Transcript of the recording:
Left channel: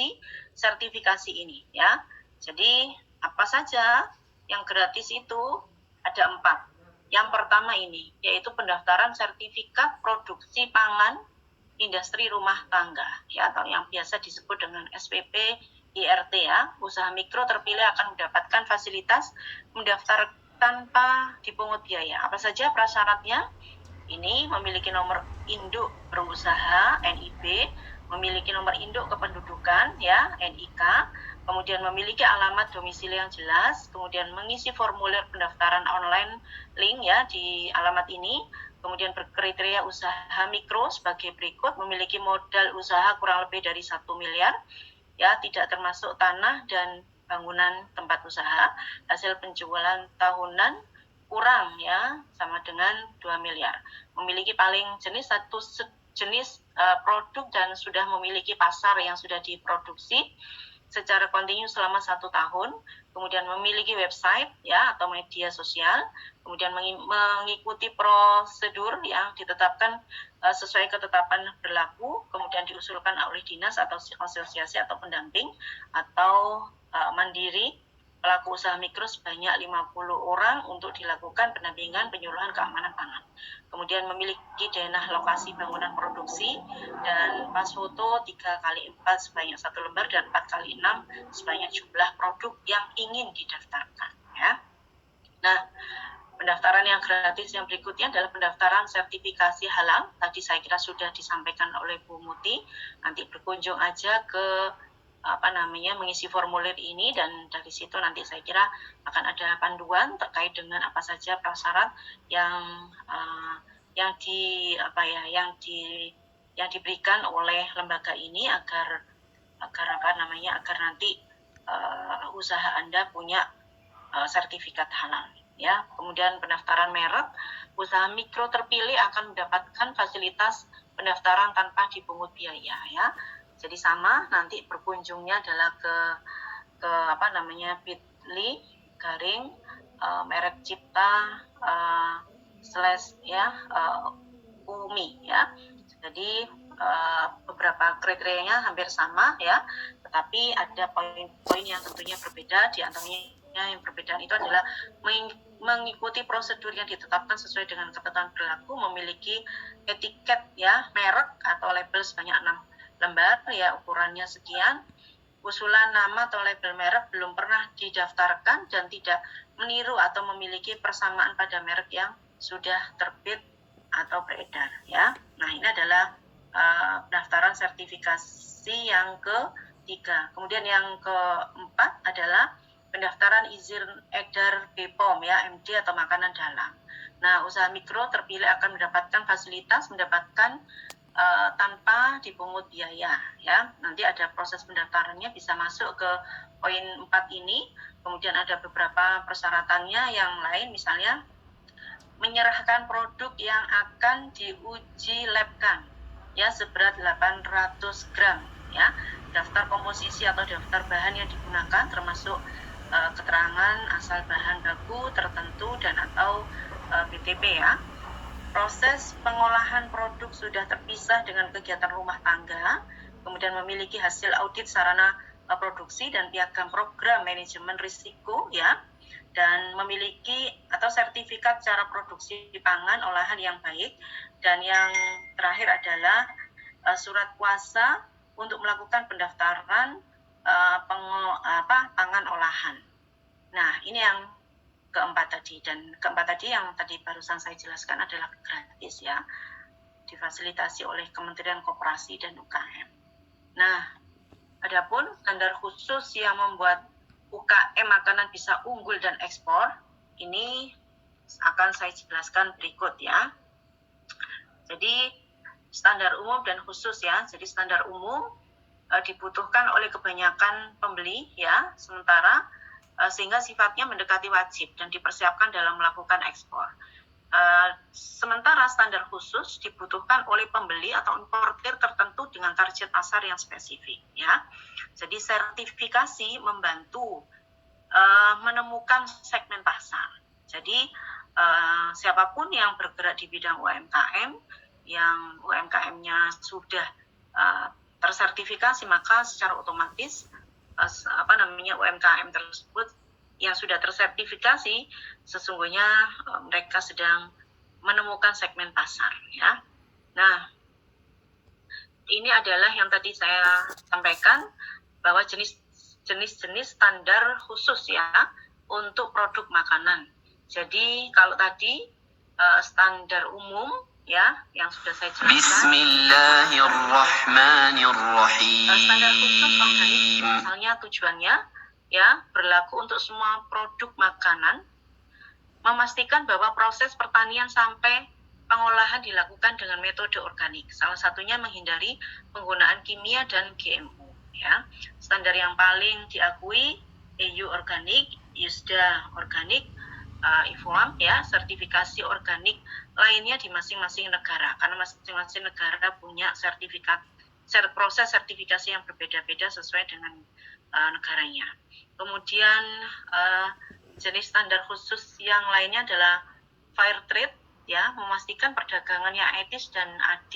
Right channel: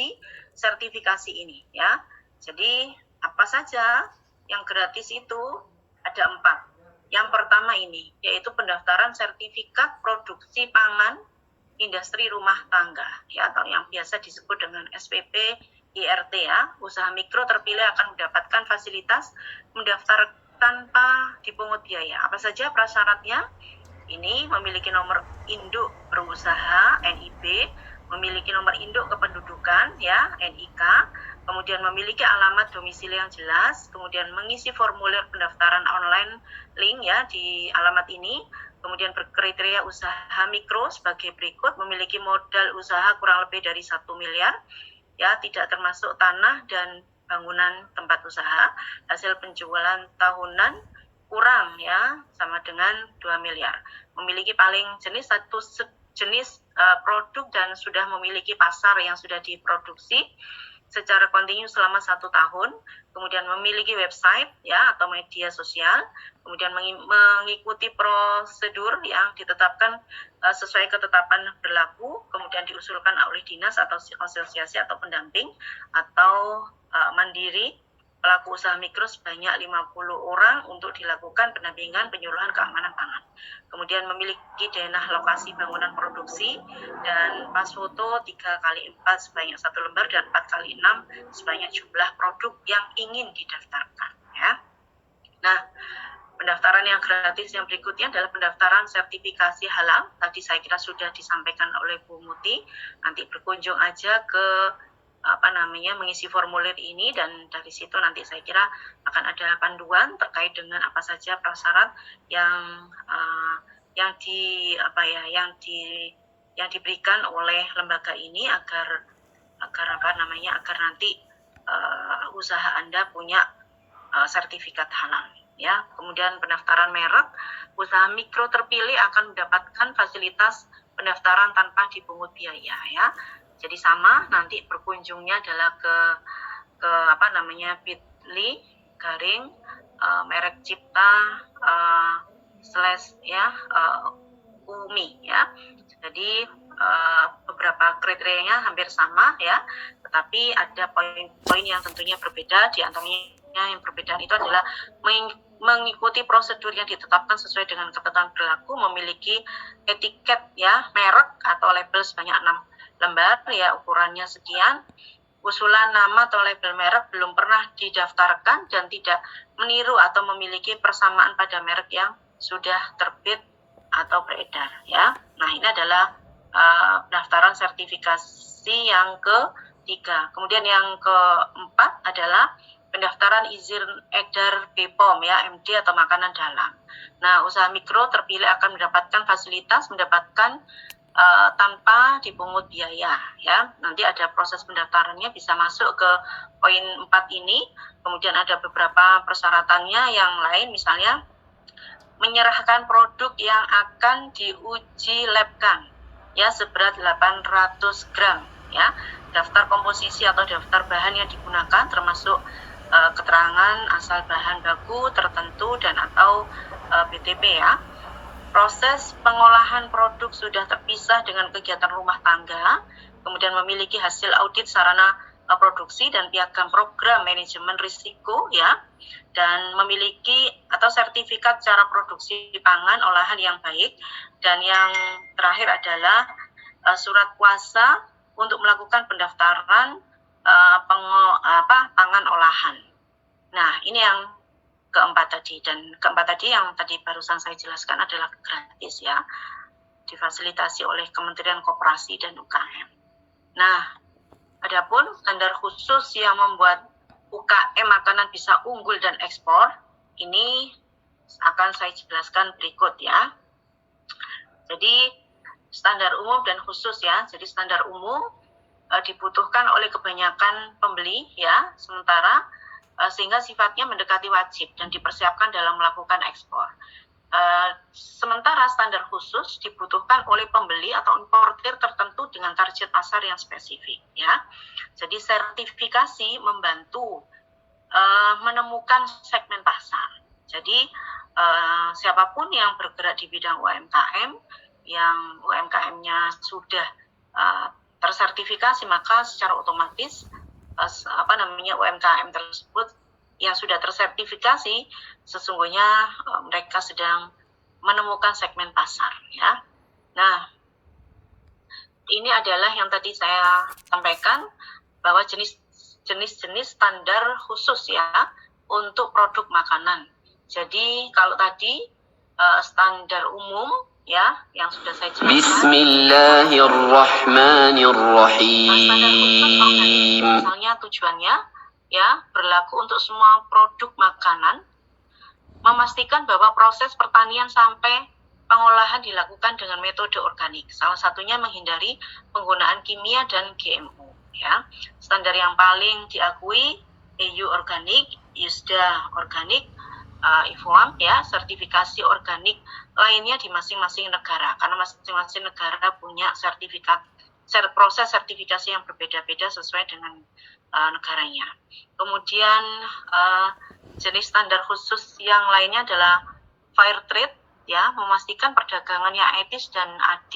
aplikasi sertifikasi ini ya. Jadi apa saja yang gratis itu ada 4. Yang pertama ini yaitu pendaftaran sertifikat produksi pangan industri rumah tangga ya, atau yang biasa disebut dengan SPP IRT ya. Usaha mikro terpilih akan mendapatkan fasilitas mendaftar tanpa dipungut biaya. Apa saja prasyaratnya? Ini memiliki nomor induk berusaha NIB, memiliki nomor induk kependudukan ya NIK, kemudian memiliki alamat domisili yang jelas, kemudian mengisi formulir pendaftaran online link ya di alamat ini, kemudian berkriteria usaha mikro sebagai berikut, memiliki modal usaha kurang lebih dari 1 miliar ya, tidak termasuk tanah dan bangunan tempat usaha, hasil penjualan tahunan kurang ya sama dengan 2 miliar. Memiliki paling satu jenis produk dan sudah memiliki pasar yang sudah diproduksi secara kontinu selama 1 tahun, kemudian memiliki website ya atau media sosial, kemudian mengikuti prosedur yang ditetapkan sesuai ketetapan berlaku, kemudian diusulkan oleh dinas atau asosiasi atau pendamping atau mandiri pelaku usaha mikro sebanyak 50 orang untuk dilakukan pendampingan penyuluhan keamanan pangan. Kemudian memiliki denah lokasi bangunan produksi dan pas foto 3x4 sebanyak 1 lembar dan 4x6 sebanyak jumlah produk yang ingin didaftarkan ya. Nah, pendaftaran yang gratis yang berikutnya adalah pendaftaran sertifikasi halal. Tadi saya kira sudah disampaikan oleh Bu Muti. Nanti berkunjung aja ke mengisi formulir ini dan dari situ nanti saya kira akan ada panduan terkait dengan apa saja prasyarat yang diberikan oleh lembaga ini agar nanti usaha Anda punya sertifikat halal ya. Kemudian pendaftaran merek, usaha mikro terpilih akan mendapatkan fasilitas pendaftaran tanpa dipungut biaya ya. Jadi sama, nanti berkunjungnya adalah ke bit.ly garing merek cipta /UMI ya. Jadi beberapa kriterianya hampir sama ya, tetapi ada poin-poin yang tentunya berbeda. Di antaranya yang perbedaan itu adalah mengikuti prosedur yang ditetapkan sesuai dengan ketentuan berlaku, memiliki etiket ya merek atau label sebanyak 6 lembar ya, ukurannya sekian. Usulan nama atau label merek belum pernah didaftarkan dan tidak meniru atau memiliki persamaan pada merek yang sudah terbit atau beredar ya. Nah, ini adalah pendaftaran sertifikasi yang ketiga. Kemudian yang keempat adalah pendaftaran izin edar BPOM ya, MD atau makanan dalam. Nah, usaha mikro terpilih akan mendapatkan fasilitas tanpa dipungut biaya ya. Nanti ada proses pendaftarannya, bisa masuk ke poin 4 ini. Kemudian ada beberapa persyaratannya yang lain, misalnya menyerahkan produk yang akan diuji labkan ya seberat 800 gram ya. Daftar komposisi atau daftar bahan yang digunakan termasuk keterangan asal bahan baku tertentu dan atau BTP ya. Proses pengolahan produk sudah terpisah dengan kegiatan rumah tangga, kemudian memiliki hasil audit sarana produksi dan piagam program manajemen risiko ya, dan memiliki atau sertifikat cara produksi pangan olahan yang baik, dan yang terakhir adalah surat kuasa untuk melakukan pendaftaran pangan olahan. Nah, ini yang keempat tadi, dan keempat tadi yang tadi barusan saya jelaskan adalah gratis ya, difasilitasi oleh Kementerian Koperasi dan UKM. Nah, adapun standar khusus yang membuat UKM makanan bisa unggul dan ekspor, ini akan saya jelaskan berikut ya. Jadi standar umum dan khusus ya. Jadi standar umum dibutuhkan oleh kebanyakan pembeli ya, sementara sehingga sifatnya mendekati wajib dan dipersiapkan dalam melakukan ekspor. Sementara standar khusus dibutuhkan oleh pembeli atau importir tertentu dengan target pasar yang spesifik ya. Jadi sertifikasi membantu menemukan segmen pasar. Jadi siapapun yang bergerak di bidang UMKM, yang UMKM-nya sudah tersertifikasi, maka secara otomatis UMKM tersebut yang sudah tersertifikasi sesungguhnya mereka sedang menemukan segmen pasar, ya. Nah, ini adalah yang tadi saya sampaikan bahwa jenis-jenis standar khusus ya untuk produk makanan. Jadi kalau tadi standar umum ya yang sudah saya jelaskan. Bismillahirrahmanirrahim. Standar khusus organik misalnya tujuannya ya berlaku untuk semua produk makanan, memastikan bahwa proses pertanian sampai pengolahan dilakukan dengan metode organik. Salah satunya menghindari penggunaan kimia dan GMO. Ya, standar yang paling diakui EU organik, ISDA organik, IFOAM ya, sertifikasi organik lainnya di masing-masing negara. Karena masing-masing negara punya proses sertifikasi yang berbeda-beda sesuai dengan negaranya. Kemudian jenis standar khusus yang lainnya adalah fair trade, ya, memastikan perdagangan yang etis dan adil